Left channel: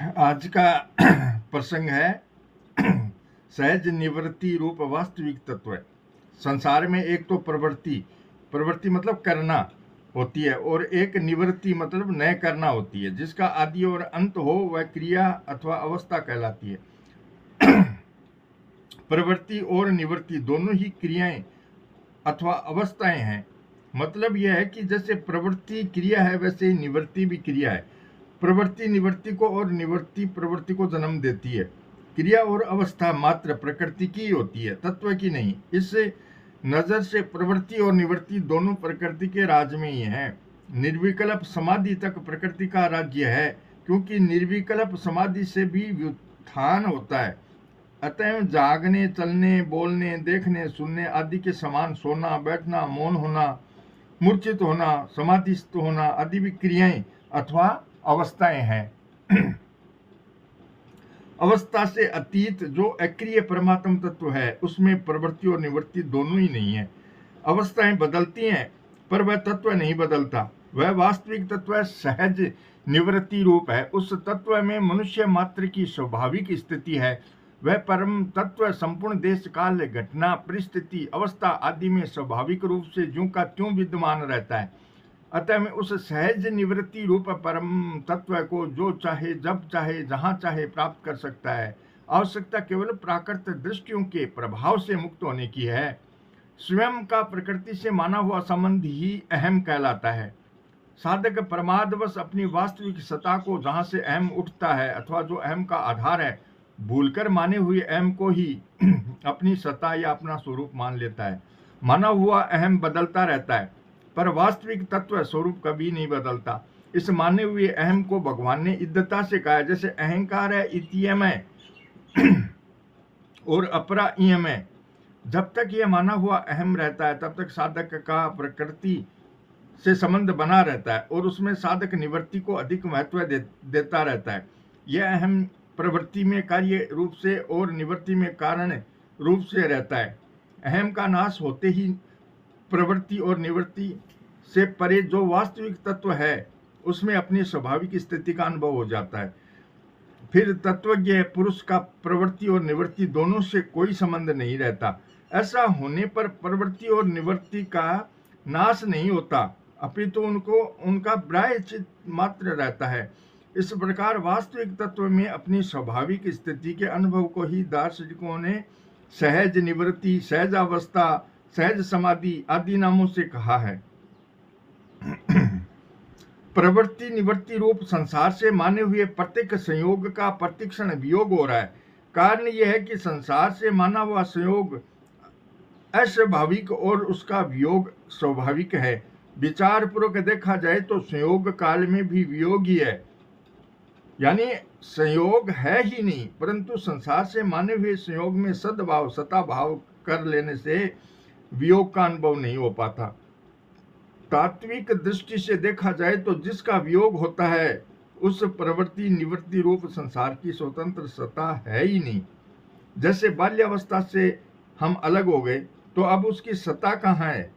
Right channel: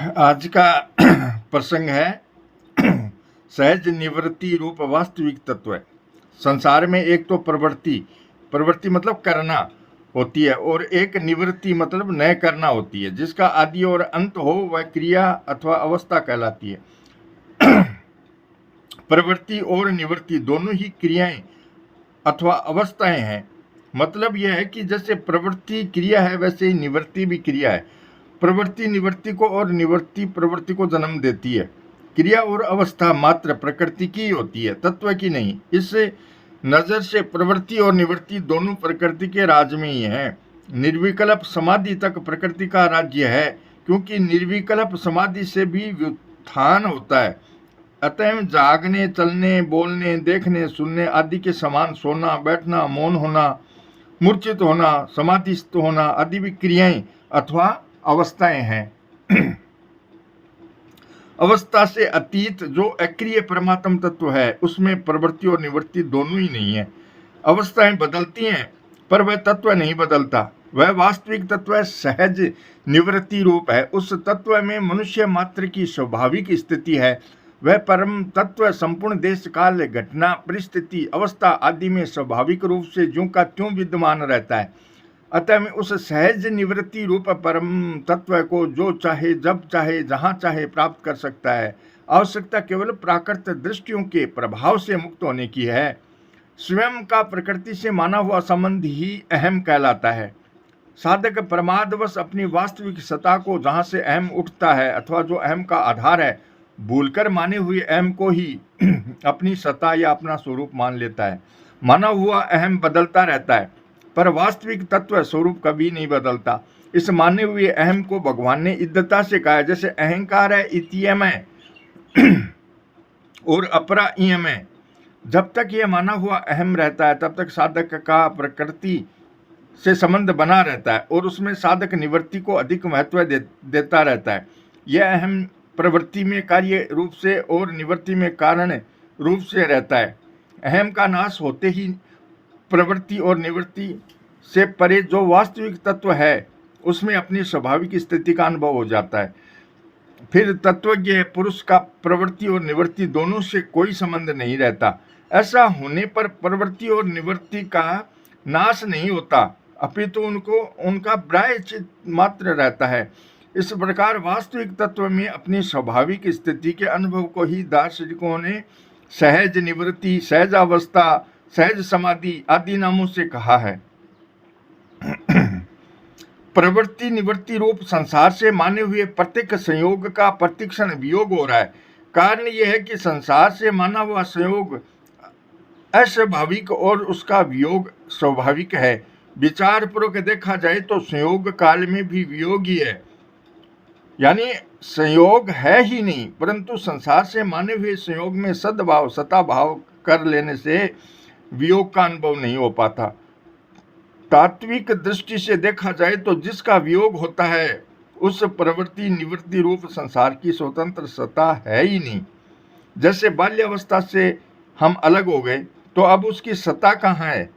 आज का प्रसंग है सहज निवृत्ति रूप वास्तविक तत्व। संसार में एक तो प्रवृत्ति मतलब करना होती है, और एक निवृत्ति मतलब न करना होती है, जिसका आदि और अंत हो वह क्रिया अथवा अवस्था कहलाती है। प्रवृत्ति और निवृत्ति दोनों ही क्रियाएं अथवा अवस्थाएं हैं। मतलब यह है कि जैसे प्रवृत्ति क्रिया है, वैसे ही निवृत्ति भी क्रिया है। प्रवृत्ति निवृत्ति को और निवृत्ति प्रवृत्ति को जन्म देती है। क्रिया और अवस्था मात्र प्रकृति की होती है, तत्व की नहीं। इस नजर से प्रवृत्ति और निवृत्ति दोनों प्रकृति के राज में ही हैं। निर्विकल्प समाधि तक प्रकृति का राज्य है, क्योंकि निर्विकल्प समाधि से भी व्युत्थान होता है। अतः जागने, चलने, बोलने, देखने, सुनने आदि के समान सोना, बैठना, मौन होना, मूर्छित होना, समाधिस्थ होना आदि भी क्रियाएं अथवा अवस्थाएं हैं। अवस्था से अतीत जो अक्रिय परमात्म तत्व है, उसमें प्रवृत्ति और निवृत्ति दोनों ही नहीं है। अवस्थाएं बदलती हैं, पर वह तत्व नहीं बदलता। वह वास्तविक तत्व सहज निवृत्ति रूप है। उस तत्व में मनुष्य मात्र की स्वाभाविक स्थिति है। वह परम तत्व संपूर्ण देश काल, घटना, परिस्थिति, अवस्था आदि में स्वाभाविक रूप से ज्यों का त्यों विद्यमान रहता है। अतः में उस सहज निवृत्ति रूप परम तत्व को जो चाहे, जब चाहे, जहाँ चाहे प्राप्त कर सकता है। आवश्यकता केवल प्राकृत दृष्टियों के प्रभाव से मुक्त होने की है। स्वयं का प्रकृति से माना हुआ संबंध ही अहम कहलाता है। साधक प्रमादवश अपनी वास्तविक सत्ता को, जहाँ से अहम उठता है अथवा जो अहम का आधार है, भूलकर माने हुए अहम को ही अपनी सत्ता या अपना स्वरूप मान लेता है। माना हुआ अहम बदलता रहता है, पर वास्तविक तत्व स्वरूप कभी नहीं बदलता। इस माने हुए अहम को भगवान ने इद्दता से कहा है। जैसे अहंकार है इतियम है और अपरा इयम है। जब तक यह माना हुआ अहम रहता है, तब तक साधक का प्रकृति से संबंध बना रहता है, और उसमें साधक निवृत्ति को अधिक महत्व देता रहता है। यह अहम प्रवृत्ति में कार्य रूप से और निवृत्ति में कारण रूप से रहता है। अहम का नाश होते ही प्रवृत्ति और निवृत्ति से परे जो वास्तविक तत्व है, उसमें अपनी स्वाभाविक स्थिति का अनुभव हो जाता है। फिर तत्वज्ञ पुरुष का प्रवृत्ति और निवृत्ति दोनों से कोई संबंध नहीं रहता। ऐसा होने पर प्रवृत्ति और निवृत्ति का नाश नहीं होता, अपितु उनका प्रायश्चित मात्र रहता है। इस प्रकार वास्तविक तत्व में अपनी स्वाभाविक स्थिति के अनुभव को ही दार्शनिकों ने सहज निवृत्ति, सहज अवस्था, सहज समाधि आदि नामों से कहा है। प्रवृत्ति निवृत्ति रूप संसार से माने हुए प्रत्येक संयोग का प्रतिक्षण वियोग हो रहा है। कारण यह है कि संसार से माना हुआ संयोग अस्वाभाविक और उसका वियोग स्वाभाविक है। विचार पूर्वक देखा जाए तो संयोग काल में भी वियोग ही है, यानी संयोग है ही नहीं, परंतु संसार से माने हुए संयोग में सद्भाव, सता भाव कर लेने से वियोग का अनुभव नहीं हो पाता। तात्विक दृष्टि से देखा जाए तो जिसका वियोग होता है, उस प्रवृत्ति निवृत्ति रूप संसार की स्वतंत्र सत्ता है ही नहीं। जैसे बाल्यावस्था से हम अलग हो गए, तो अब उसकी सत्ता कहाँ है?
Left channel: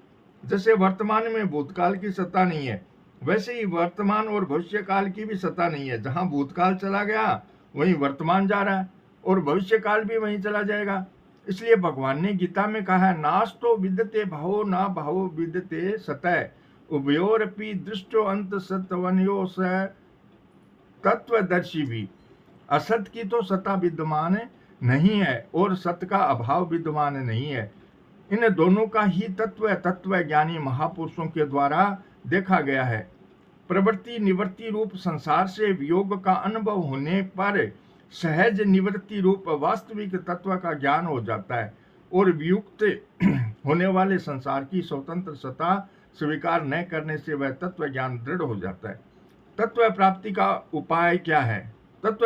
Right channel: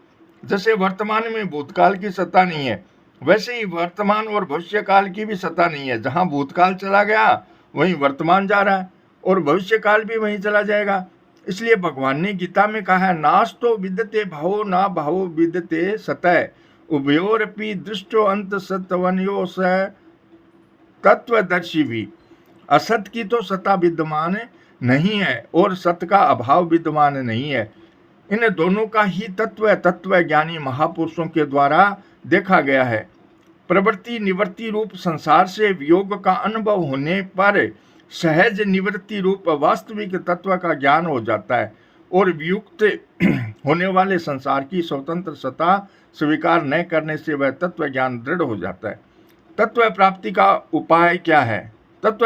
जैसे वर्तमान में भूतकाल की सत्ता नहीं है, वैसे ही वर्तमान और भविष्य काल की भी सत्ता नहीं है। जहाँ भूतकाल चला गया, वहीं वर्तमान जा रहा है, और भविष्य काल भी वहीं चला जाएगा। इसलिए भगवान ने गीता में कहा है, नास्तो विद्यते भावो ना भावो विद्यते सतः उभयोरपि दृष्टो अंत सत्वन्यो स तत्वदर्शी भी। असत की तो सत्ता विद्यमान नहीं है और सत्य का अभाव विद्यमान नहीं है। इन दोनों का ही तत्व ज्ञानी महापुरुषों के द्वारा देखा गया है। प्रवृत्ति निवृत्ति रूप संसार से वियोग का अनुभव होने पर सहज निवृत्ति रूप वास्तविक तत्व का ज्ञान हो जाता है, और वियुक्त होने वाले संसार की स्वतंत्र सत्ता स्वीकार न करने से वह तत्व ज्ञान दृढ़ हो जाता है। तत्व प्राप्ति का उपाय क्या है? तत्व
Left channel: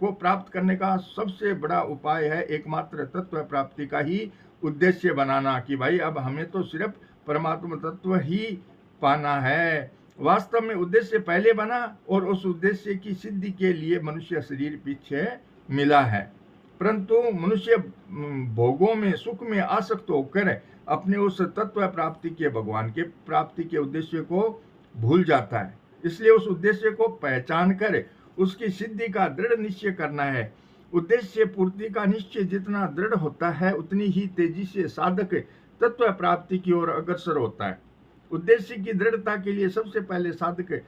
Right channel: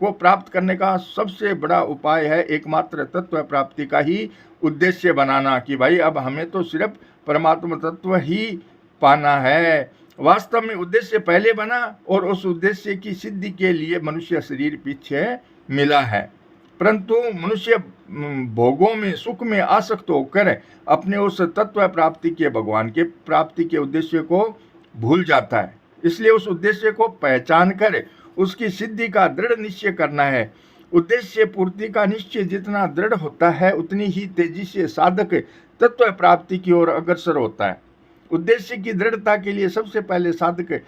को प्राप्त करने का सबसे बड़ा उपाय है एकमात्र तत्व प्राप्ति का ही उद्देश्य बनाना, कि भाई अब हमें तो सिर्फ परमात्मा तत्व ही पाना है। वास्तव में उद्देश्य पहले बना, और उस उद्देश्य की सिद्धि के लिए मनुष्य शरीर पीछे मिला है। परंतु मनुष्य भोगों में, सुख में आसक्त होकर अपने उस तत्व प्राप्ति के, भगवान के प्राप्ति के उद्देश्य को भूल जाता है। इसलिए उस उद्देश्य को पहचान कर उसकी सिद्धि का दृढ़ निश्चय करना है। उद्देश्य पूर्ति का निश्चय जितना दृढ़ होता है उतनी ही तेजी से साधक तत्व प्राप्ति की ओर अग्रसर होता है। उद्देश्य की दृढ़ता के लिए सबसे पहले साधक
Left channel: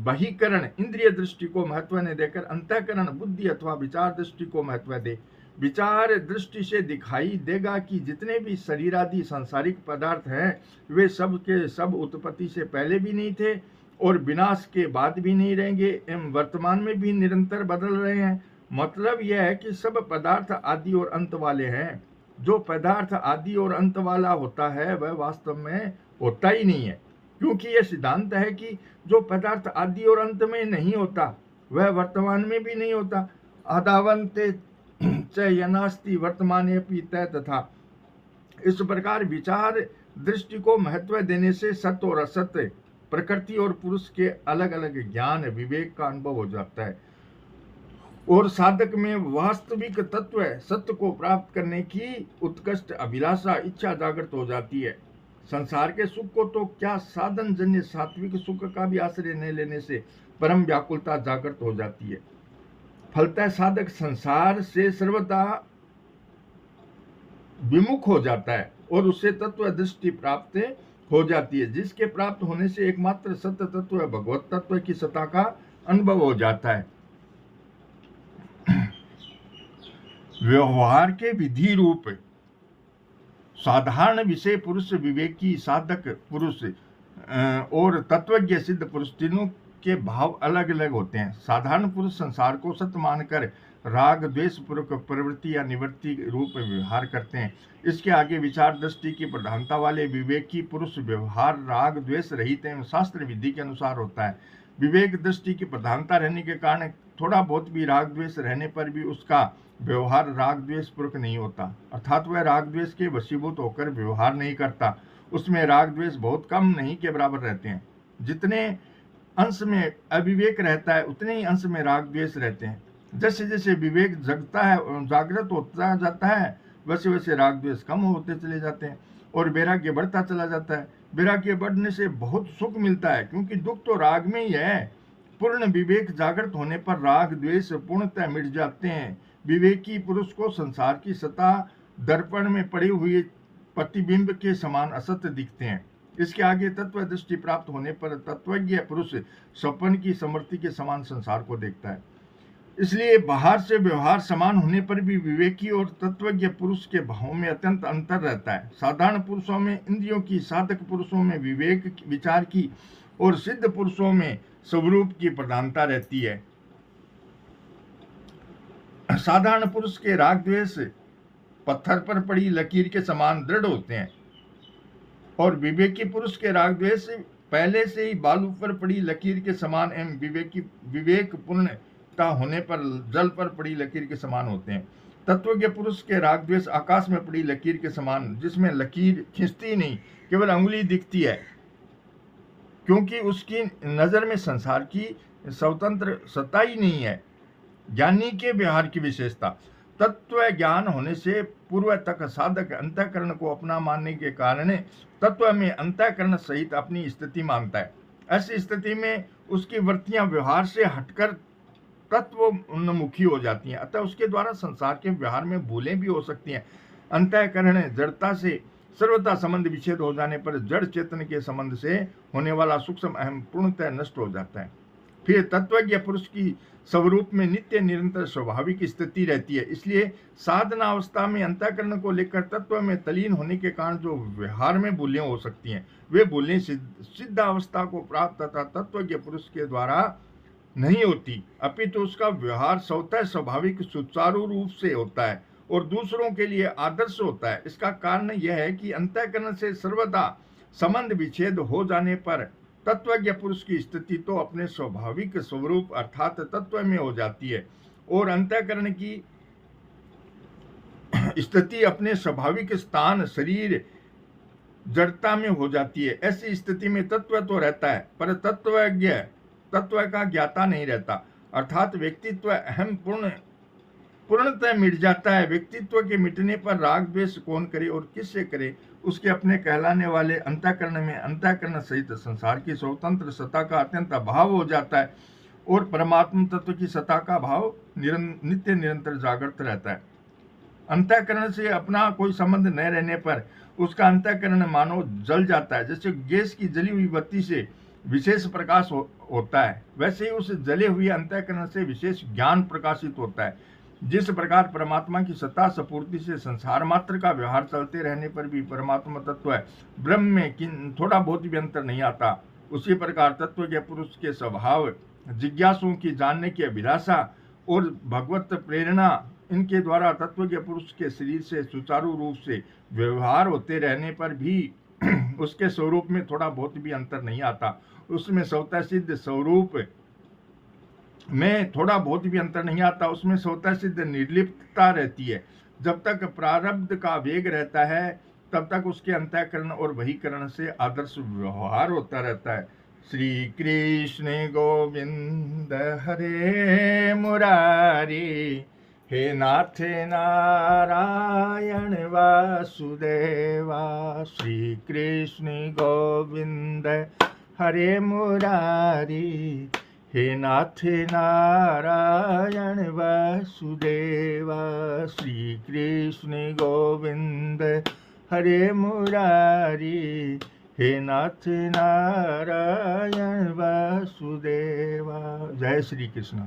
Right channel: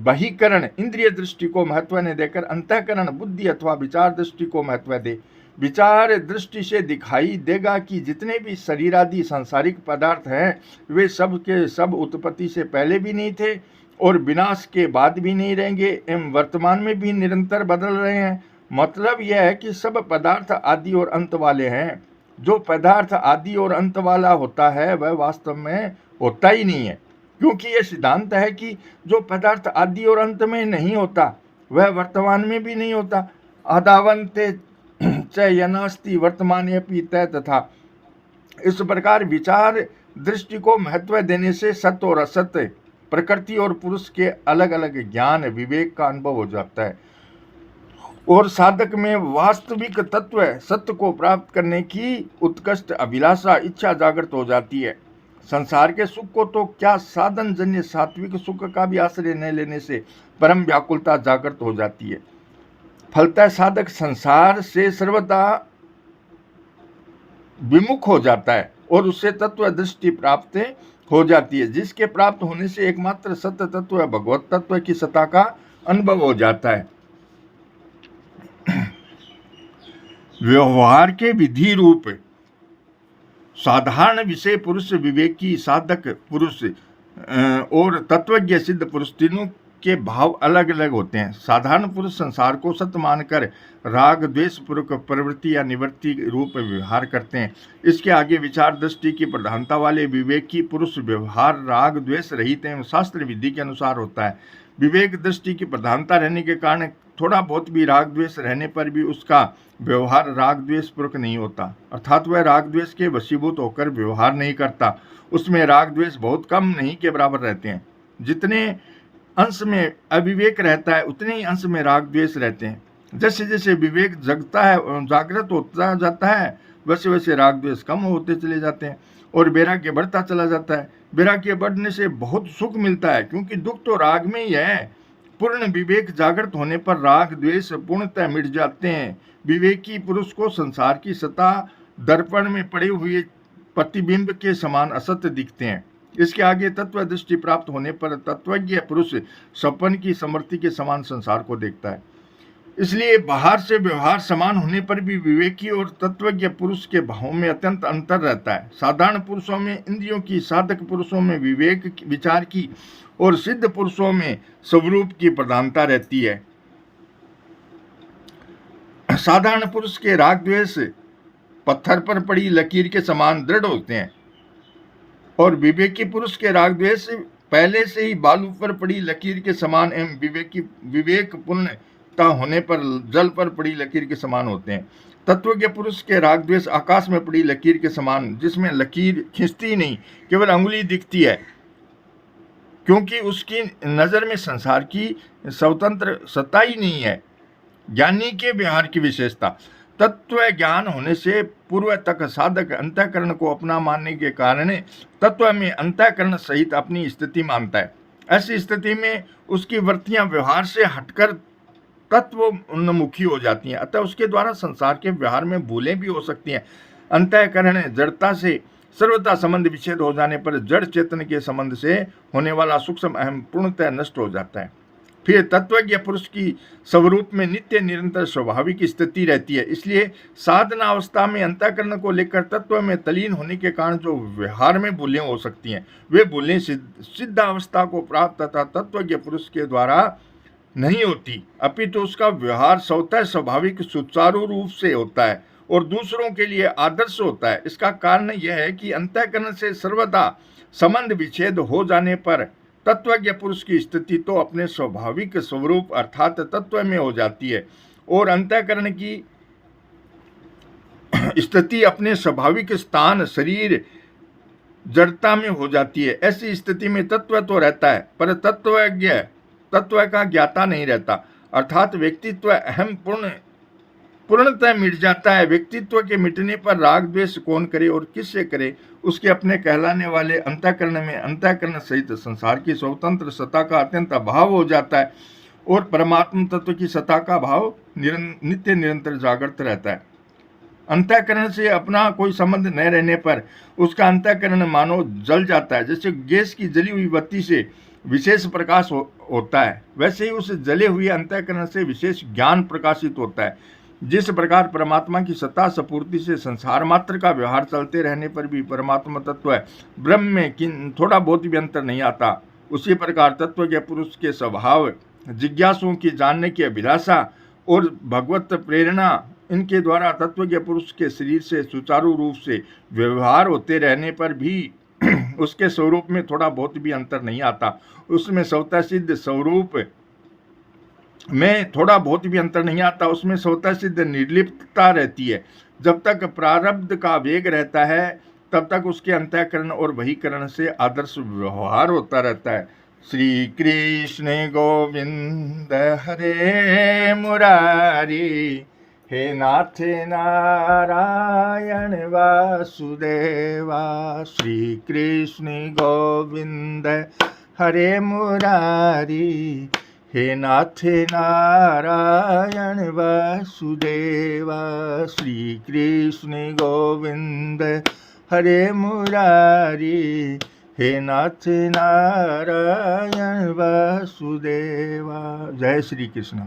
बहिकरण इंद्रिय दृष्टि को महत्व न देकर अंतःकरण बुद्धि अथवा विचार दृष्टि को महत्व दे। विचार दृष्टि से दिखाई देगा कि जितने भी शरीरादि सांसारिक पदार्थ हैं वे सब के सब उत्पत्ति से पहले भी नहीं थे और विनाश के बाद भी नहीं रहेंगे एवं वर्तमान में भी निरंतर बदल रहे हैं। मतलब यह है कि सब पदार्थ आदि और अंत वाले हैं। जो पदार्थ आदि और अंत वाला होता है वह वास्तव में होता ही नहीं है, क्योंकि यह सिद्धांत है कि जो पदार्थ आदि और अंत में नहीं होता वह वर्तमान में भी नहीं होता। आदावंते च यनास्ति वर्तमाने अपि तय तथा। इस प्रकार विचार दृष्टि को महत्व देने से सत्य और असत्य, प्रकृति और पुरुष के अलग अलग ज्ञान विवेक का अनुभव हो जाता है और साधक में वास्तविक तत्व सत्य को प्राप्त करने की उत्कृष्ट अभिलाषा इच्छा जागृत हो जाती है। संसार के सुख को तो क्या साधन जन्य सात्विक सुख का भी आश्रय न लेने से परम व्याकुलता जागृत हो जाती है। फलतः साधक संसार से सर्वदा विमुख हो जाता है और उससे तत्व दृष्टि प्राप्त हो जाती है, जिसके प्राप्त होने से एकमात्र सत्य तत्व भगवत तत्व की सत्ता का अनुभव हो जाता है। व्यवहार के विधि रूप साधारण विषय पुरुष विवेकी साधक पुरुष और तत्वज्ञ सिद्ध पुरुष तीनों के भाव अलग अलग होते हैं। साधारण पुरुष संसार को सत्य मानकर राग द्वेष पूर्वक प्रवृत्ति या निवृत्ति रूप व्यवहार करते हैं। इसके आगे विचार दृष्टि की प्रधानता वाले विवेकी पुरुष व्यवहार राग द्वेष रहित एवं शास्त्र विधि के अनुसार होता है। विवेक दृष्टि की प्रधानता रहने के कारण थोड़ा बहुत भी राग द्वेष रहने पर भी उसका व्यवहार राग द्वेष पूर्वक नहीं होता, अर्थात वह राग द्वेष के वशीभूत होकर व्यवहार नहीं करता। उसमें राग द्वेष बहुत कम नहीं के बराबर रहते हैं। जितने अंश में अविवेक रहता है उतने ही अंश में राग द्वेष रहते हैं। जैसे जैसे विवेक जगता है जागृत होता जाता है वैसे वैसे राग द्वेष कम होते चले जाते हैं और वैराग्य बढ़ता चला जाता है। वैराग्य बढ़ने से बहुत सुख मिलता है, क्योंकि दुख तो राग में ही है। पूर्ण विवेक जागृत होने पर राग द्वेष पूर्णतः मिट जाते हैं। विवेकी पुरुष को संसार की सत्ता दर्पण में पड़े हुए प्रतिबिंब के समान असत्य दिखते हैं। इसके आगे तत्व दृष्टि प्राप्त होने पर तत्वज्ञ पुरुष स्वप्न की समृद्धि के समान संसार को देखता है। इसलिए बाहर से व्यवहार समान होने पर भी विवेकी और तत्वज्ञ पुरुष के भावों में अत्यंत अंतर रहता है। साधारण पुरुषों में इंद्रियों की, साधक पुरुषों में विवेक विचार की और सिद्ध पुरुषों में स्वरूप की प्रधानता रहती है। साधारण पुरुष के राग द्वेष पत्थर पर पड़ी लकीर के समान दृढ़ होते हैं और विवेकी पुरुष के राग द्वेष पहले से ही बालू पर पड़ी लकीर के समान एवं विवेक पूर्णता होने पर जल पर पड़ी लकीर के समान होते हैं। तत्वज्ञ पुरुष के राग द्वेष आकाश में पड़ी लकीर के समान, जिसमें लकीर खींचती नहीं, केवल अंगुली दिखती है, क्योंकि उसकी नजर में संसार की स्वतंत्र सत्ता ही नहीं है। ज्ञानी के व्यवहार की विशेषता तत्व ज्ञान होने से पूर्व तक साधक अंतःकरण को अपना मानने के कारण तत्व में अंतःकरण सहित अपनी स्थिति मानता है। ऐसी स्थिति में उसकी वृत्तियां व्यवहार से हटकर तत्व उन्मुखी हो जाती हैं, अतः उसके द्वारा संसार के व्यवहार में भूलें भी हो सकती हैं। अंतःकरण जड़ता से सर्वथा संबंध विच्छेद हो जाने पर जड़ चेतन के संबंध से होने वाला सूक्ष्म अहम पूर्णतः नष्ट हो जाता है। फिर तत्वज्ञ पुरुष की स्वरूप में नित्य निरंतर स्वाभाविक स्थिति रहती है। इसलिए साधना अवस्था में अंतःकरण को लेकर तत्व में तलीन होने के कारण जो व्यवहार में भूलें हो सकती हैं, वे भूलें सिद्ध अवस्था को प्राप्त तथा तत्वज्ञ पुरुष के द्वारा नहीं होती, अपितु उसका व्यवहार स्वतः स्वाभाविक सुचारू रूप से होता है और दूसरों के लिए आदर्श होता है। इसका कारण यह है कि अंतःकरण से सर्वदा संबंध विच्छेद हो जाने पर तत्वज्ञ पुरुष की स्थिति तो अपने स्वाभाविक स्वरूप अर्थात तत्व में हो जाती है और अंतःकरण की स्थिति अपने स्वाभाविक स्थान शरीर जड़ता में हो जाती है। ऐसी स्थिति में तत्व तो रहता है पर तत्व का ज्ञाता नहीं रहता, अर्थात व्यक्तित्व अहम पूर्णतः मिट जाता है। व्यक्तित्व के मिटने पर राग द्वेष कौन करे और किससे करे, उसके अपने कहलाने वाले अंतःकरण में अंतःकरण सहित संसार की स्वतंत्र सत्ता का अत्यंत अभाव हो जाता है और परमात्म तत्व की सत्ता का भाव नित्य निरंतर जागृत रहता है। अंतःकरण से अपना कोई संबंध न रहने पर उसका अंतःकरण मानो जल जाता है। जैसे गैस की जली हुई बत्ती से विशेष प्रकाश होता है, वैसे ही उस जले हुए अंतःकरण से विशेष ज्ञान प्रकाशित होता है। जिस प्रकार परमात्मा की सत्ता सपूर्ति से संसार मात्र का व्यवहार चलते रहने पर भी परमात्मा तत्व ब्रह्म में थोड़ा बहुत भी अंतर नहीं आता, उसी प्रकार तत्व के पुरुष के स्वभाव, जिज्ञासुओं की जानने की अभिलाषा और भगवत प्रेरणा, इनके द्वारा तत्व के पुरुष के शरीर से सुचारू रूप से व्यवहार होते रहने पर भी उसके स्वरूप में थोड़ा बहुत भी अंतर नहीं आता। उसमें स्वतः सिद्ध स्वरूप में थोड़ा बहुत भी अंतर नहीं आता, उसमें स्वतः सिद्ध निर्लिप्तता रहती है। जब तक प्रारब्ध का वेग रहता है तब तक उसके अंतःकरण और बहिकरण से आदर्श व्यवहार होता रहता है। श्री कृष्ण गोविंद हरे मुरारी, हे नाथ नारायण वासुदेवा। श्री कृष्ण गोविंद हरे मुरारी, हे नाथ नारायण वासुदेवा। श्री कृष्ण गोविंद हरे मुरारी, हे नाथ नारायण वासुदेवा। जय श्री कृष्ण।